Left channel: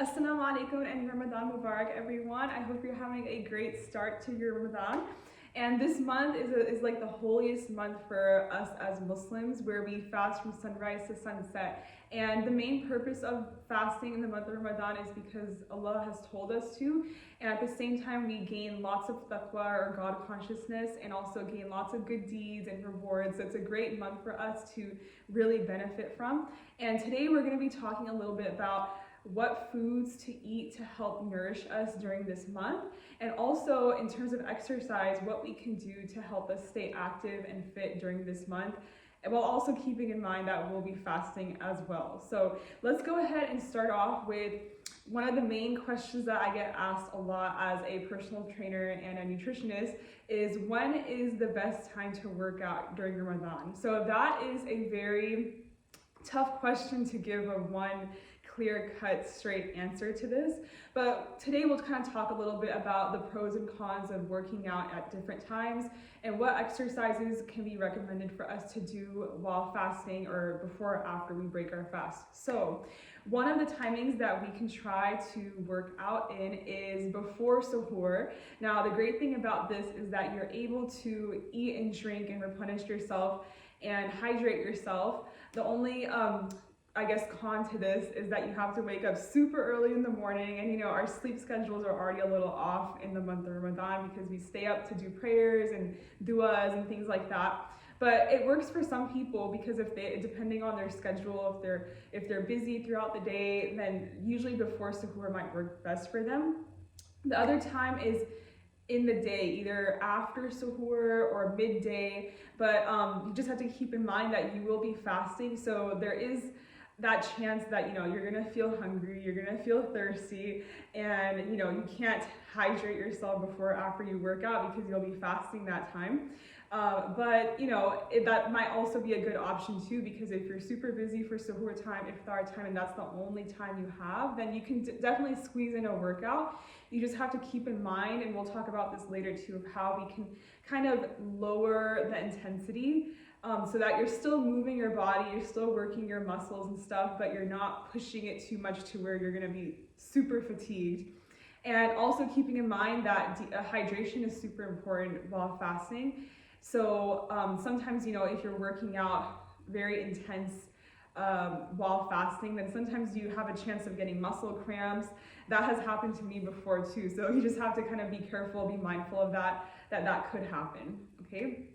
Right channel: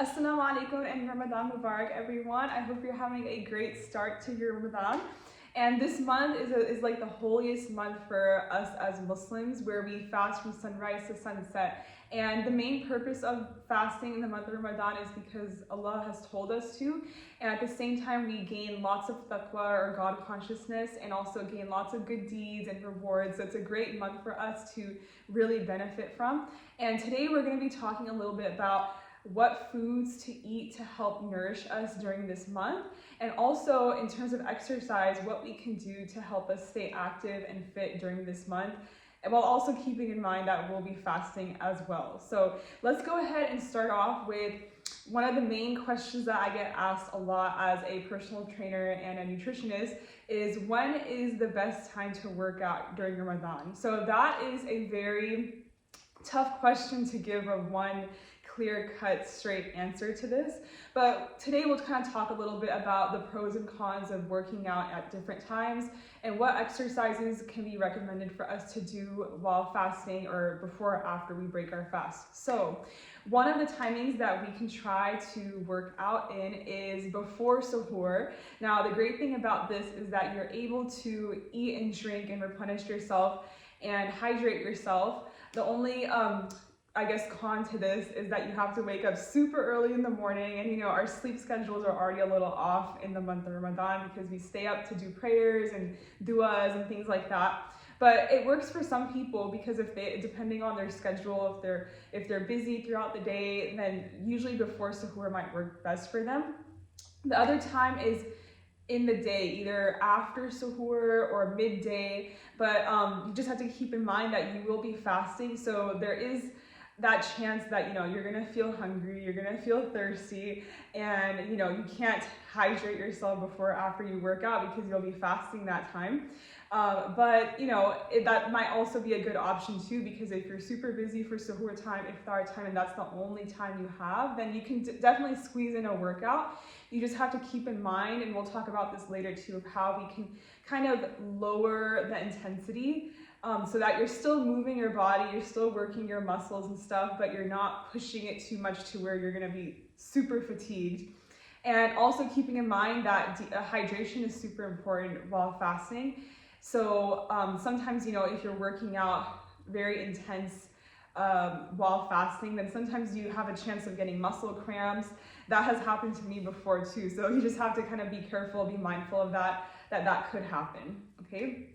Assalamu alaikum and Ramadan Mubarak, everyone. I hope you're having a great start to your Ramadan. And this month is like the holiest month for us as Muslims, where we fast from sunrise to sunset. And the main purpose of fasting in the month of Ramadan is because Allah has told us to. And at the same time, we gain lots of taqwa or God consciousness and also gain lots of good deeds and rewards. So it's a great month for us to really benefit from. And today we're going to be talking a little bit about what foods to eat to help nourish us during this month, and also in terms of exercise, what we can do to help us stay active and fit during this month, and while also keeping in mind that we'll be fasting as well. So let's go ahead and start off with one of the main questions that I get asked a lot as a personal trainer and a nutritionist is, when is the best time to work out during Ramadan? So that is a very tough question to give a one clear-cut, straight answer to this. But today we'll kind of talk a little bit about the pros and cons of working out at different times and what exercises can be recommended for us to do while fasting or before or after we break our fast. So one of the timings that we can try to work out in is before suhoor. Now, the great thing about this is that you're able to eat and drink and replenish yourself and hydrate yourself. The only con to this is that you have to wake up super early in the morning, and our sleep schedules are already a little off in the month of Ramadan because we stay up to do prayers and du'as and things like that. But it works for some people because depending on their schedule, if they're busy throughout the day, then usually before suhoor might work best for them. The other time is in the day, either after suhoor or midday, but you just have to keep in mind that you will be fasting, so there is that chance that you're gonna feel hungry, you're gonna feel thirsty, and you can't hydrate yourself before or after you work out because you'll be fasting that time. But that might also be a good option too, because if you're super busy for suhoor time, iftar time, and that's the only time you have, then you can definitely squeeze in a workout. You just have to keep in mind, and we'll talk about this later too, of how we can kind of lower the intensity so that you're still moving your body, you're still working your muscles and stuff, but you're not pushing it too much to where you're gonna be super fatigued. And also keeping in mind that hydration is super important while fasting. So sometimes, if you're working out very intense while fasting, then sometimes you have a chance of getting muscle cramps. That has happened to me before too. So you just have to kind of be careful, be mindful of that could happen, okay?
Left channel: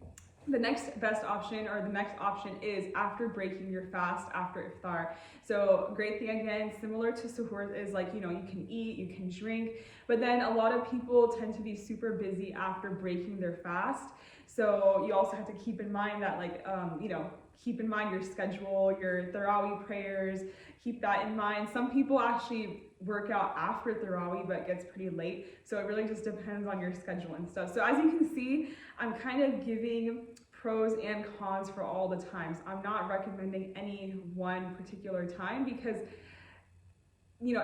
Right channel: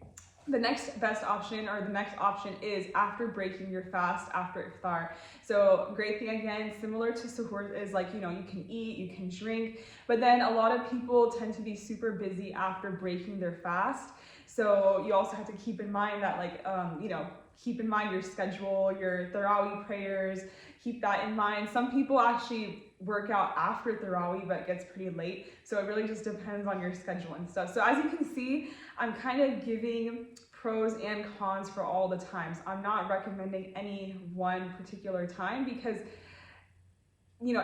The next best option, or the next option, is after breaking your fast, after iftar. So great thing, again, similar to suhoor, is like, you can eat, you can drink, but then a lot of people tend to be super busy after breaking their fast. So you also have to keep in mind that, keep in mind your schedule, your Tarawih prayers, keep that in mind. Some people actually work out after Tarawih, but it gets pretty late. So it really just depends on your schedule and stuff. So as you can see, I'm kind of giving pros and cons for all the times. I'm not recommending any one particular time because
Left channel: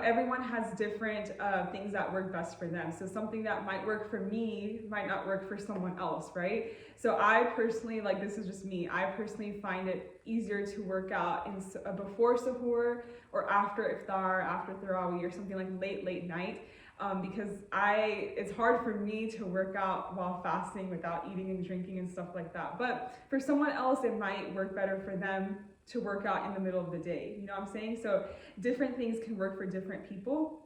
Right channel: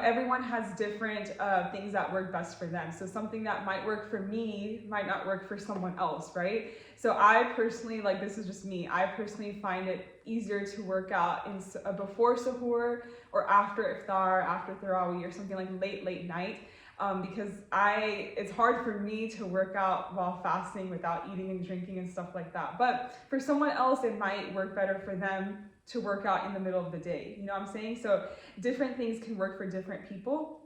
everyone has different things that work best for them. So something that might work for me might not work for someone else, right? So I personally, this is just me, I personally find it easier to work out before suhoor or after iftar, after Tarawih, or something like late night. Because it's hard for me to work out while fasting without eating and drinking and stuff like that. But for someone else, it might work better for them to work out in the middle of the day. You know what I'm saying? So different things can work for different people.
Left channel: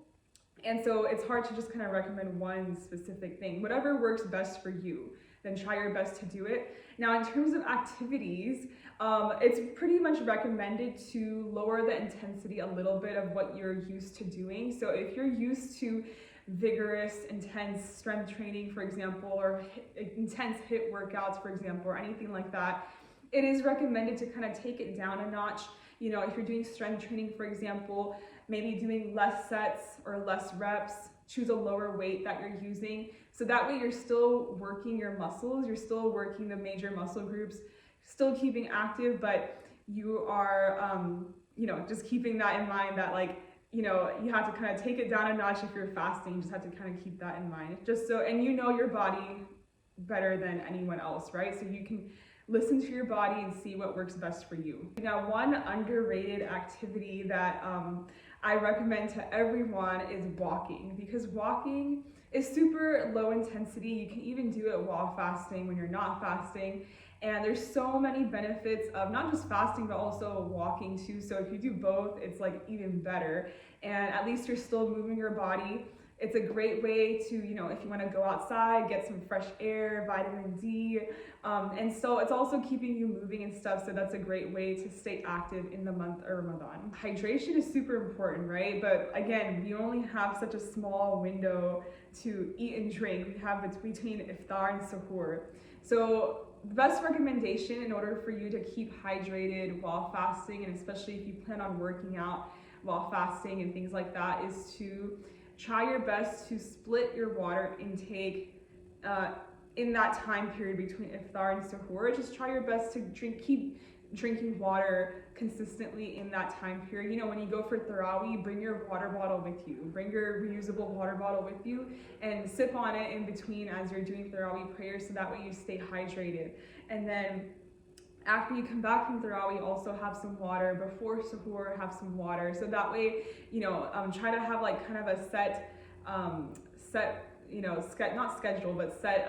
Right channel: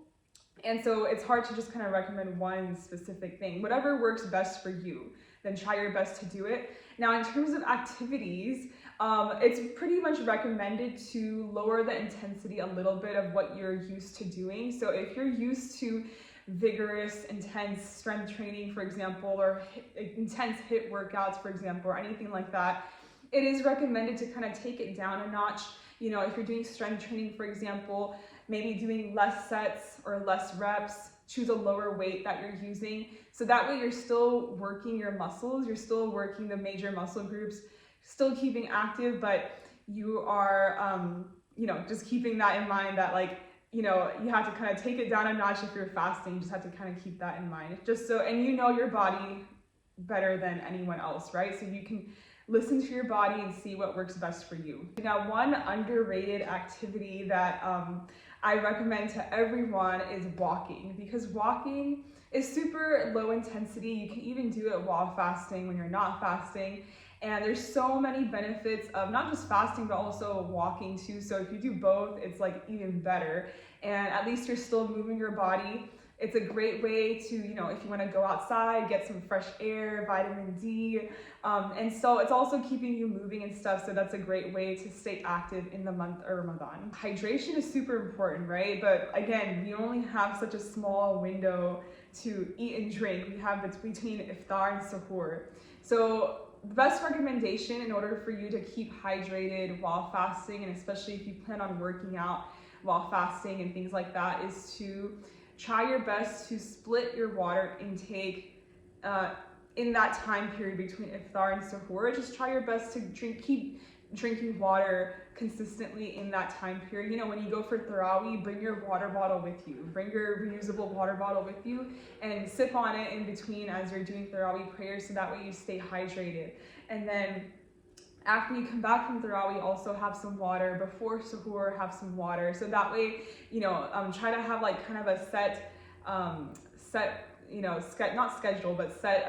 And so it's hard to just kind of recommend one specific thing. Whatever works best for you, then try your best to do it. Now, in terms of activities, it's pretty much recommended to lower the intensity a little bit of what you're used to doing. So if you're used to vigorous, intense strength training, for example, or intense HIIT workouts, for example, or anything like that, it is recommended to kind of take it down a notch. If you're doing strength training, for example, maybe doing less sets or less reps, choose a lower weight that you're using. So that way you're still working your muscles, you're still working the major muscle groups, still keeping active, but you are, just keeping that in mind that you have to kind of take it down a notch if you're fasting. You just have to kind of keep that in mind. Just so, and your body better than anyone else, right? So you can listen to your body and see what works best for you. Now, one underrated activity that I recommend to everyone is walking, because walking is super low intensity. You can even do it while fasting, when you're not fasting. And there's so many benefits of not just fasting, but also walking too. So if you do both, it's like even better. And at least you're still moving your body. It's a great way to, if you want to go outside, get some fresh air, vitamin D. And so it's also keeping you moving and stuff. So that's a great way to stay active in the month of Ramadan. Hydration is super important, right? But again, we only have such a small window to eat and drink. We have between iftar and suhoor. So the best recommendation in order for you to keep hydrated while fasting, and especially if you plan on working out while fasting and things like that, is to try your best to split your water intake in that time period between iftar and suhoor. Just try your best to keep drinking water consistently in that time period. When you go for Tarawih, bring your water bottle with you. Bring your reusable water bottle with you and sip on it in between as you're doing Tarawih prayers, so that way you stay hydrated. And then after you come back from Tarawih, also have some water. Before suhoor, have some water. So that way, try to have like kind of a set, not schedule, but set,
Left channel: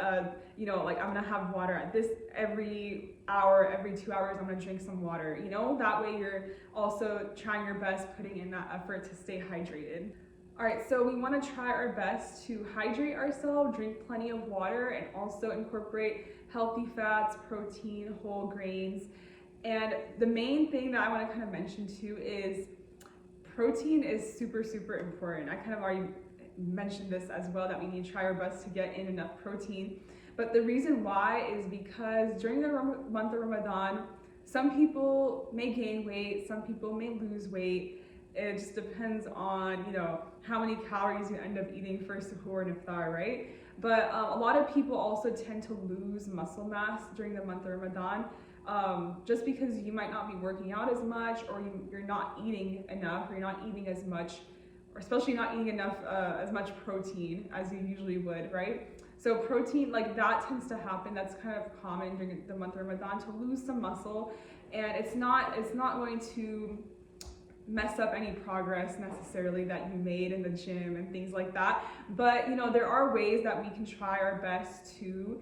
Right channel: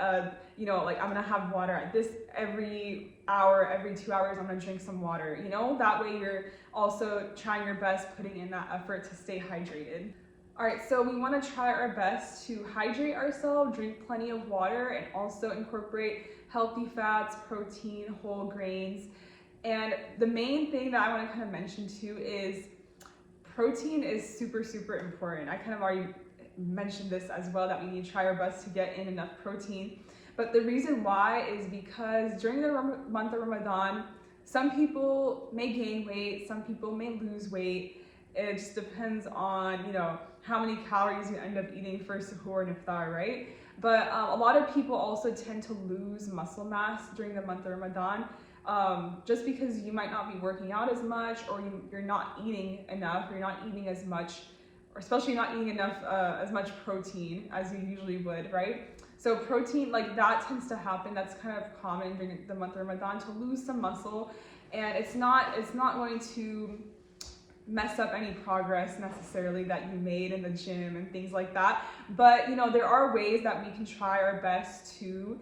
like I'm gonna have water at this every hour, every 2 hours, I'm gonna drink some water, that way you're also trying your best, putting in that effort to stay hydrated. All right, so we wanna try our best to hydrate ourselves, drink plenty of water, and also incorporate healthy fats, protein, whole grains. And the main thing that I wanna kind of mention too is protein is super, super important. I kind of already mentioned this as well, that we need to try our best to get in enough protein. But the reason why is because during the month of Ramadan, some people may gain weight, some people may lose weight. It just depends on, how many calories you end up eating for suhoor and iftar, right? But a lot of people also tend to lose muscle mass during the month of Ramadan, just because you might not be working out as much, or you're not eating enough, or you're not eating as much, or especially not eating enough, as much protein as you usually would, right? So protein, like that tends to happen. That's kind of common during the month of Ramadan, to lose some muscle, and it's not going to mess up any progress necessarily that you made in the gym and things like that. But there are ways that we can try our best to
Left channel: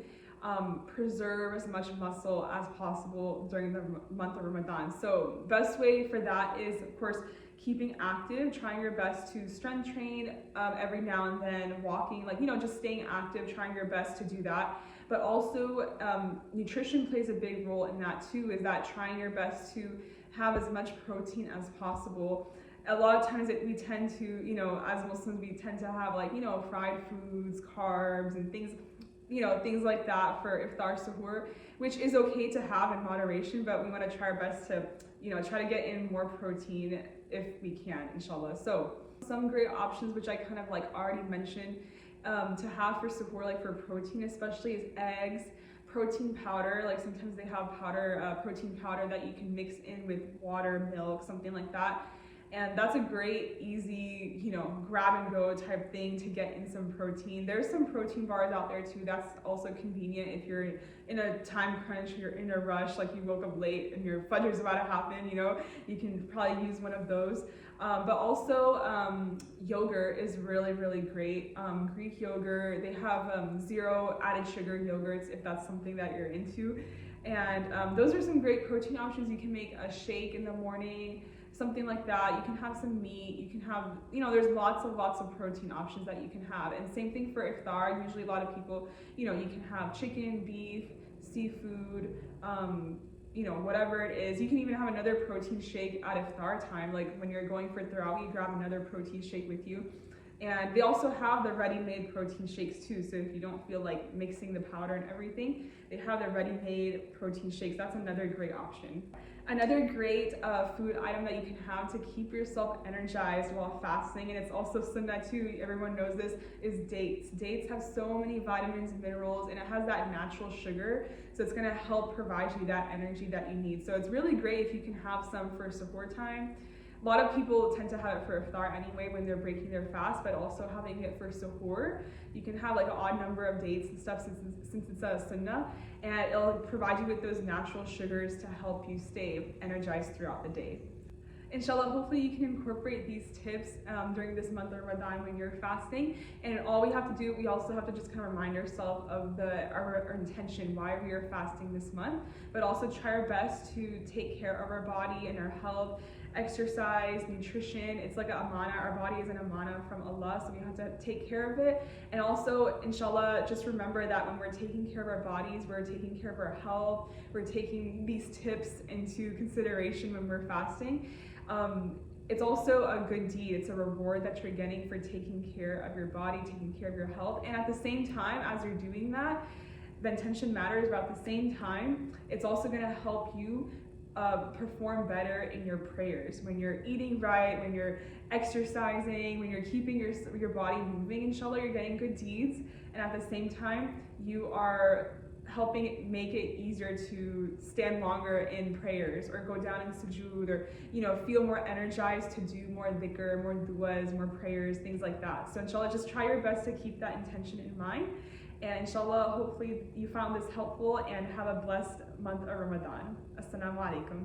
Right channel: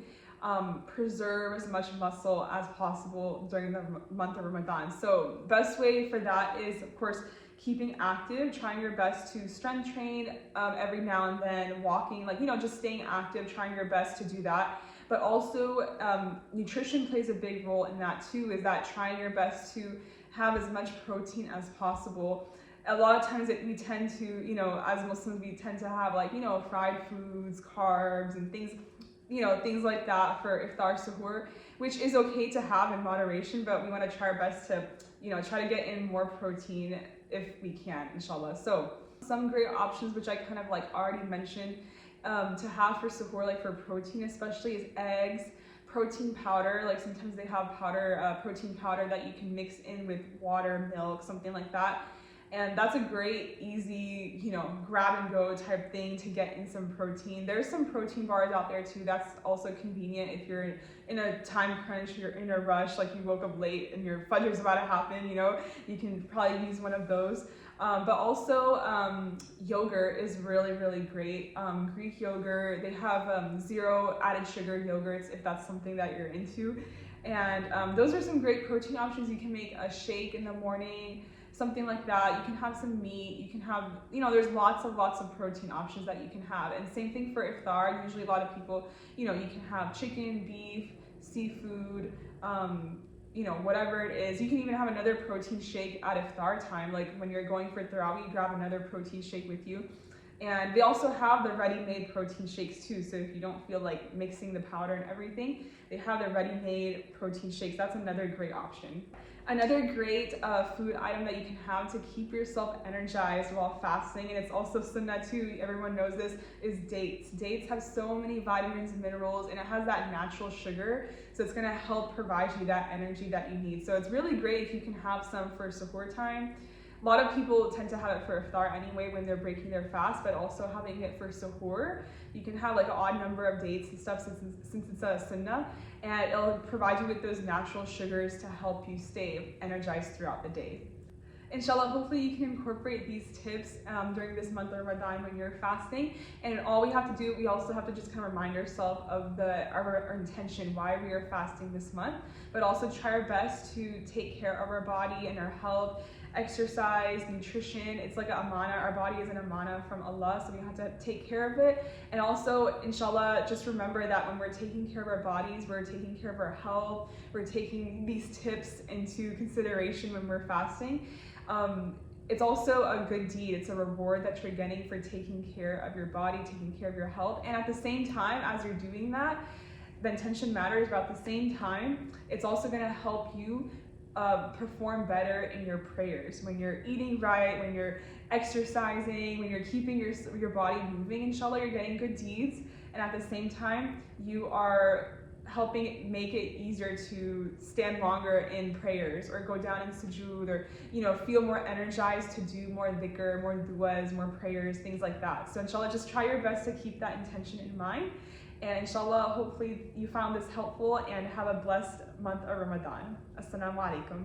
preserve as much muscle as possible during the month of Ramadan. So best way for that is, of course, keeping active, trying your best to strength train every now and then, walking, just staying active, trying your best to do that. But also nutrition plays a big role in that too, is that trying your best to have as much protein as possible. A lot of times we tend to, as Muslims, we tend to have fried foods, carbs, and things, things like that for iftar, suhoor, which is okay to have in moderation, but we want to try our best to, try to get in more protein if we can, inshallah. So some great options, which I kind of already mentioned, to have for suhoor, for protein especially, is eggs, protein powder. Sometimes they have protein powder that you can mix in with water, milk, something like that. And that's a great, easy, grab and go type thing to get in some protein. There's some protein bars out there too. That's also convenient if you're in a time crunch, you're in a rush, you woke up late and your fajr's about to happen, you can probably use one of those. But also yogurt is really, really great. Greek yogurt, they have 0 added sugar yogurts if that's something that you're into. And those are some great protein options. You can make a shake in the morning, something like that. You can have some meat, you can have, there's lots of protein options that you can have. And same thing for iftar. Usually a lot of people, you can have chicken, beef, seafood, whatever it is. You can even have another protein shake at iftar time. When you're going for Tarawih, grab another protein shake with you. And they also have the ready-made protein shakes too. So if you don't feel like mixing the powder and everything, they have the ready-made protein shakes. That's another great option. Another great food item that you can have to keep yourself energized while fasting, and it's also sunnah too, everyone knows this, is dates. Dates have so many vitamins and minerals, and it has that natural sugar, so it's gonna help provide you that energy that you need. So it's really great if you can have some for suhoor time. A lot of people tend to have it for iftar anyway when they're breaking their fast, but also having it for suhoor, you can have an odd number of dates and stuff since it's a sunnah, and it'll provide you with those natural sugars to help you stay energized throughout the day. Inshallah, hopefully you can incorporate these tips during this month of Ramadan when you're fasting. And all we have to do, we also have to just kind of remind ourselves of our intention, why we are fasting this month, but also try our best to take care of our body and our health, exercise, nutrition. It's like an amana. Our body is an amana from Allah, so we have to take care of it. And also, inshallah, just remember that when we're taking care of our bodies, we're taking care of our health, we're taking these tips into consideration when we're fasting. It's also a good deed. It's a reward that you're getting for taking care of your body, taking care of your health. And at the same time, as you're doing that, the intention matters, but at the same time, it's also going to help you perform better in your prayers. When you're eating right, when you're exercising, when you're keeping your body moving, inshallah, you're getting good deeds. And at the same time, you are helping make it easier to stand longer in prayers or go down in sujood, or feel more energized to do more dhikr, more du'as, more prayers, things like that. So inshallah, just try your best to keep that intention in mind. And inshallah, hopefully you found this helpful, and have a blessed month of Ramadan. Assalamu alaikum.